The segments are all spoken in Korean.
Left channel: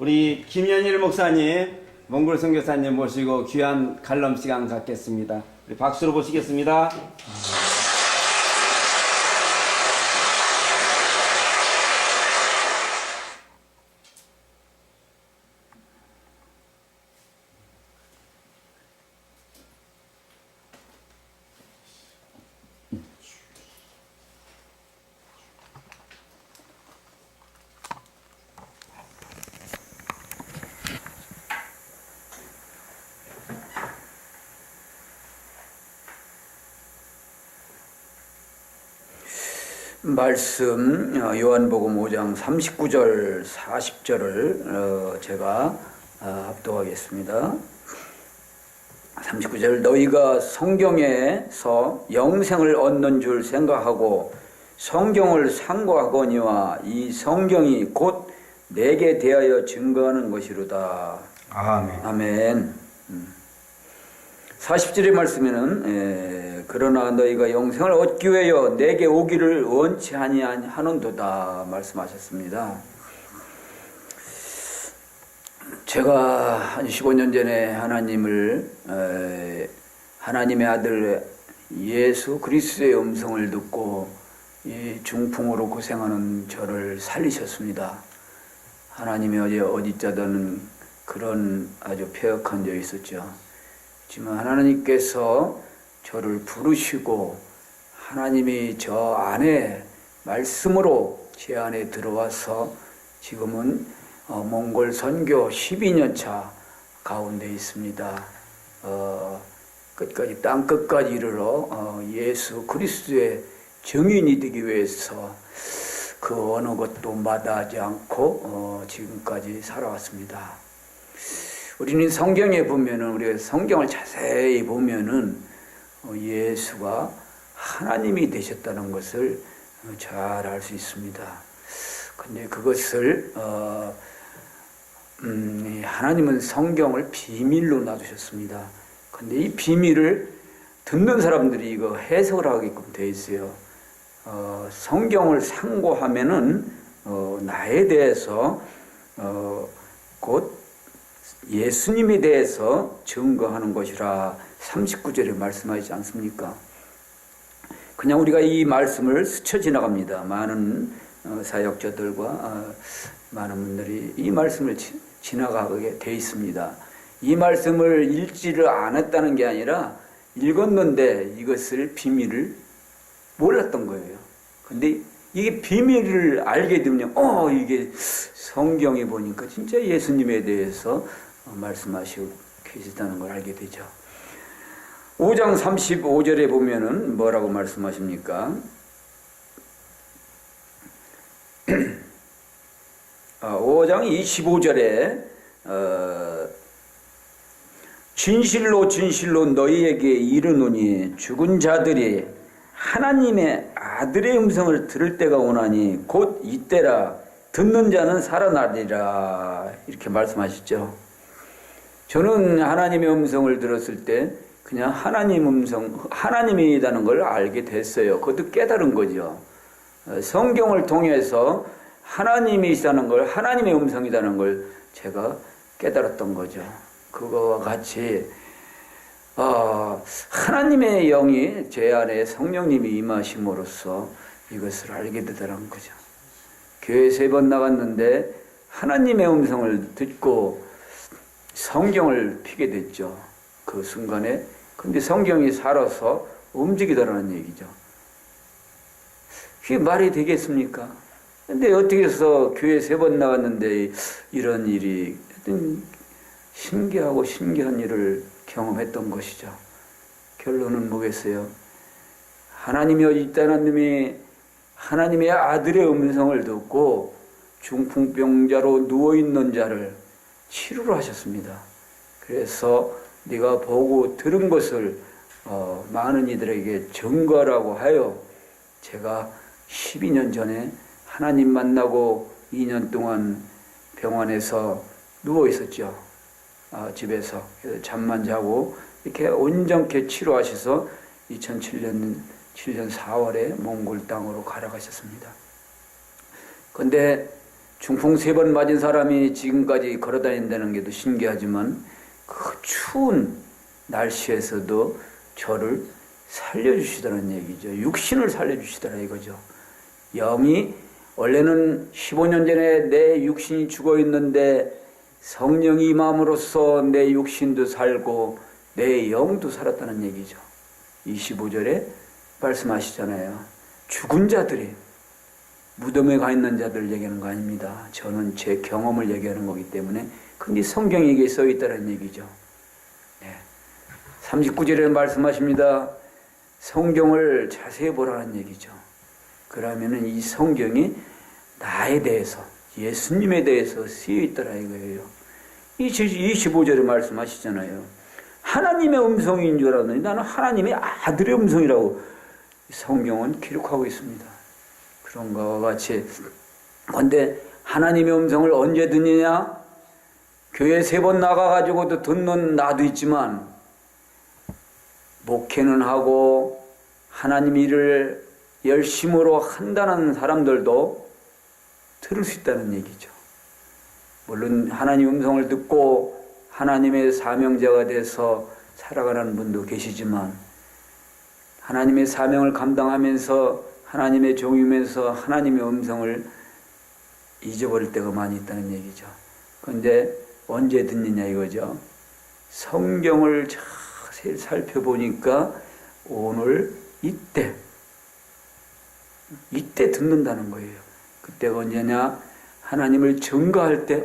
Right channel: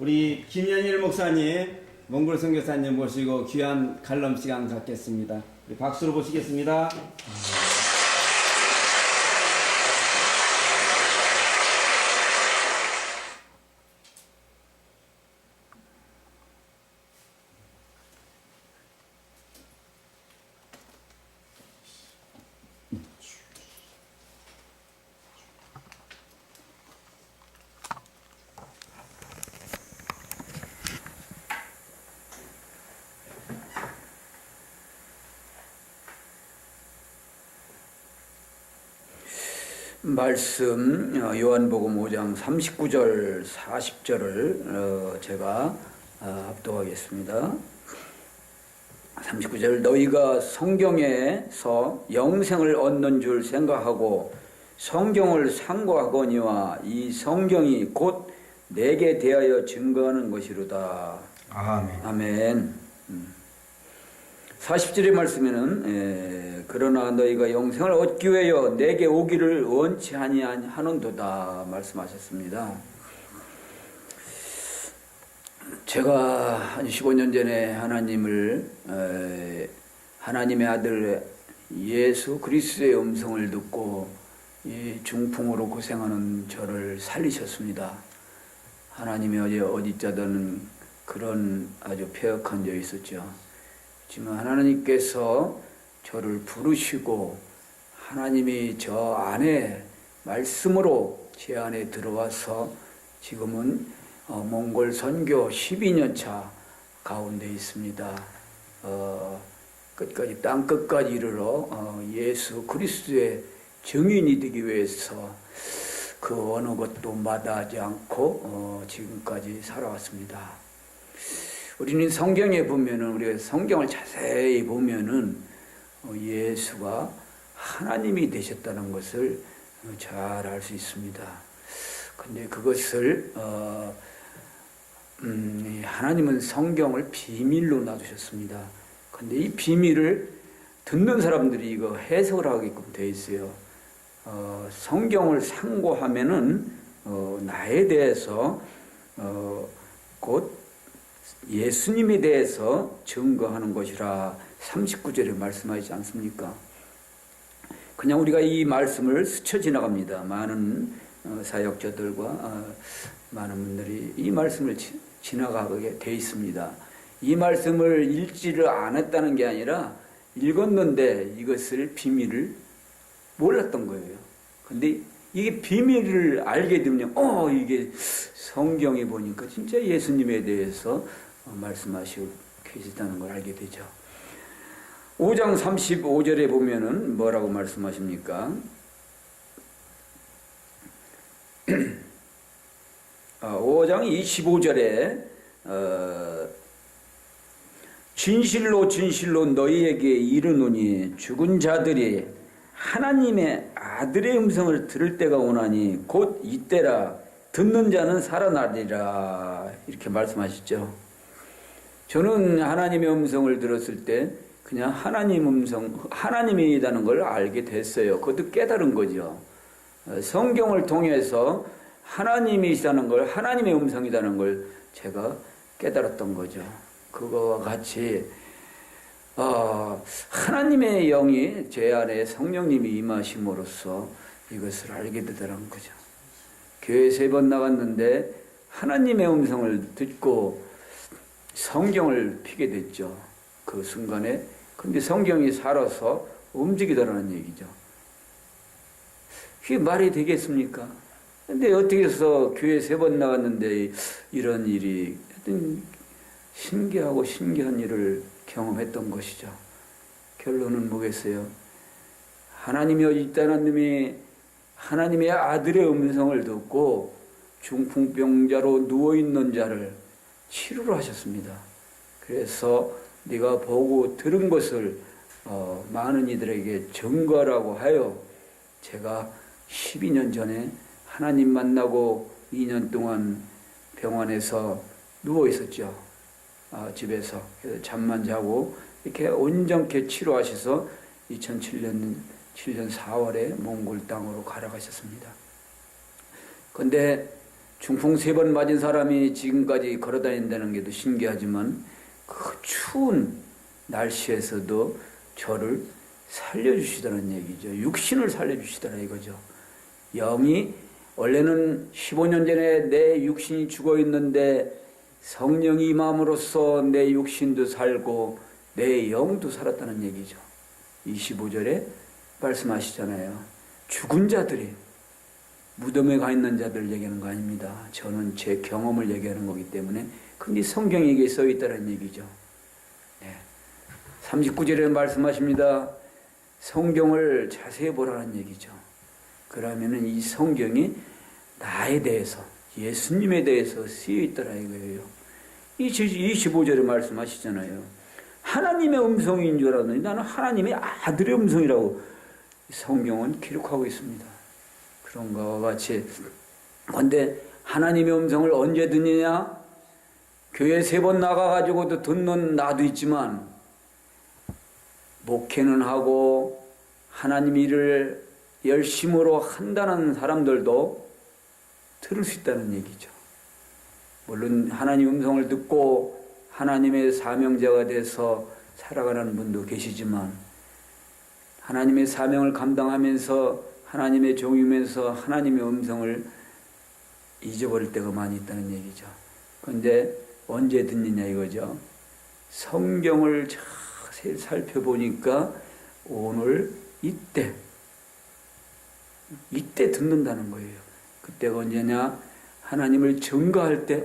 우리 김현일 목사님, 몽골 선교사님 모시고 귀한 칼럼 시간 갖겠습니다. 우리 박수로 보시겠습니다. 말씀 요한복음 5장 39절 40절을 제가 합독하겠습니다. 39절 너희가 성경에서 영생을 얻는 줄 생각하고 성경을 상고하거니와 이 성경이 곧 내게 대하여 증거하는 것이로다. 아멘. 아멘. 40절의 말씀에는 그러나 너희가 영생을 얻기 위하여 내게 오기를 원치 아니하는도다 말씀하셨습니다. 제가 한 15년 전에 하나님의 아들 예수 그리스도의 음성을 듣고 이 중풍으로 고생하는 저를 살리셨습니다. 하나님이 어디 있자던 그런 아주 폐역한 적이 있었죠. 하지만 하나님께서 저를 부르시고 하나님이 저 안에 말씀으로 제 안에 들어와서 지금은 몽골 선교 12년 차 가운데 있습니다. 끝까지 땅 끝까지 이르러 예수 그리스도의 증인이 되기 위해서 그 어느 것도 마다하지 않고 지금까지 살아왔습니다. 우리는 성경에 보면은 우리가 성경을 자세히 보면은 예수가 하나님이 되셨다는 것을 잘 알 수 있습니다. 근데 그것을 하나님은 성경을 비밀로 놔두셨습니다. 근데 이 비밀을 듣는 사람들이 이거 해석을 하게끔 되어 있어요. 성경을 상고하면은 나에 대해서 곧 예수님에 대해서 증거하는 것이라 39절에 말씀하지 않습니까? 그냥 우리가 이 말씀을 스쳐 지나갑니다. 많은 사역자들과 많은 분들이 이 말씀을 지나가게 돼 있습니다. 이 말씀을 읽지를 않았다는 게 아니라 읽었는데 이것을 비밀을 몰랐던 거예요. 근데 이게 비밀을 알게 되면 이게 성경에 보니까 진짜 예수님에 대해서 말씀하시고 계시다는 걸 알게 되죠. 5장 35절에 보면은 뭐라고 말씀하십니까? 5장 25절에 진실로 진실로 너희에게 이르노니 죽은 자들이 하나님의 아들의 음성을 들을 때가 오나니 곧 이때라 듣는 자는 살아나리라 이렇게 말씀하시죠. 저는 하나님의 음성을 들었을 때 그냥 하나님 음성, 하나님이라는 걸 알게 됐어요. 그것도 깨달은 거죠. 성경을 통해서 하나님이시다는 걸, 하나님의 음성이라는 걸 제가 깨달았던 거죠. 그거와 같이 하나님의 영이 제 안에 성령님이 임하심으로써 이것을 알게 되더라는 거죠. 교회 3번 나갔는데 하나님의 음성을 듣고 성경을 피게 됐죠. 그 순간에. 근데 성경이 살아서 움직이더라는 얘기죠. 그게 말이 되겠습니까? 근데 어떻게 해서 교회 3번 나갔는데 이런 일이 신기하고 신기한 일을 경험했던 것이죠. 결론은 뭐겠어요? 하나님이 어디 있다는 놈이 하나님의 아들의 음성을 듣고 중풍병자로 누워있는 자를 치료를 하셨습니다. 그래서 네가 보고 들은 것을 많은 이들에게 증거라고 하여 제가 12년 전에 하나님 만나고 2년 동안 병원에서 누워 있었죠. 집에서 잠만 자고 이렇게 온전케 치료하셔서 2007년 4월에 몽골 땅으로 가라가셨습니다. 그런데 중풍 3번 맞은 사람이 지금까지 걸어다닌다는 게 더 신기하지만 그 추운 날씨에서도 저를 살려주시더라는 얘기죠. 육신을 살려주시더라 이거죠. 영이 원래는 15년 전에 내 육신이 죽어 있는데 성령이 임함으로써 내 육신도 살고 내 영도 살았다는 얘기죠. 25절에 말씀하시잖아요. 죽은 자들이 무덤에 가 있는 자들 얘기하는 거 아닙니다. 저는 제 경험을 얘기하는 거기 때문에 근데 성경에 이게 써 있다는 얘기죠. 네. 39절에 말씀하십니다. 성경을 자세히 보라는 얘기죠. 그러면은 이 성경이 나에 대해서 예수님에 대해서 쓰여 있더라 이거예요. 25절에 말씀하시잖아요. 하나님의 음성인 줄 알았더니 나는 하나님의 아들의 음성이라고 성경은 기록하고 있습니다. 그런 것과 같이 그런데 하나님의 음성을 언제 듣느냐? 교회 3번 나가가지고도 듣는 나도 있지만 목회는 하고 하나님 일을 열심으로 한다는 사람들도 들을 수 있다는 얘기죠. 물론 하나님 음성을 듣고 하나님의 사명자가 돼서 살아가는 분도 계시지만 하나님의 사명을 감당하면서 하나님의 종이면서 하나님의 음성을 잊어버릴 때가 많이 있다는 얘기죠. 그런데 언제 듣느냐 이거죠. 성경을 자세히 살펴보니까 오늘 이때 듣는다는 거예요. 그때가 언제냐? 하나님을 증거할 때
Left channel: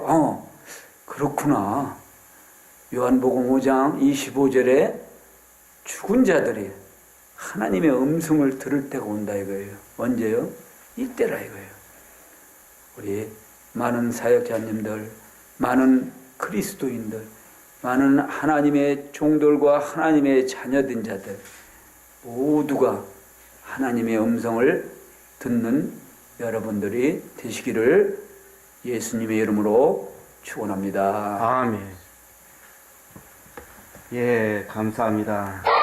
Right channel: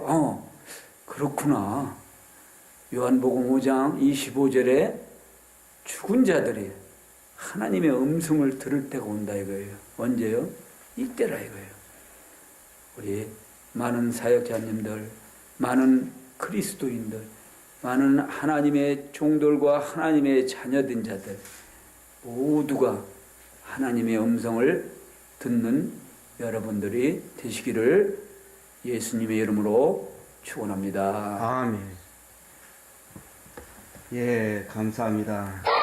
그렇구나. 요한복음 5장 25절에 죽은 자들이 하나님의 음성을 들을 때가 온다 이거예요. 언제요? 이때라 이거예요. 우리 많은 사역자님들, 많은 그리스도인들, 많은 하나님의 종들과 하나님의 자녀된 자들 모두가 하나님의 음성을 듣는 여러분들이 되시기를 예수님의 이름으로 축원합니다. 아멘. 예, 감사합니다.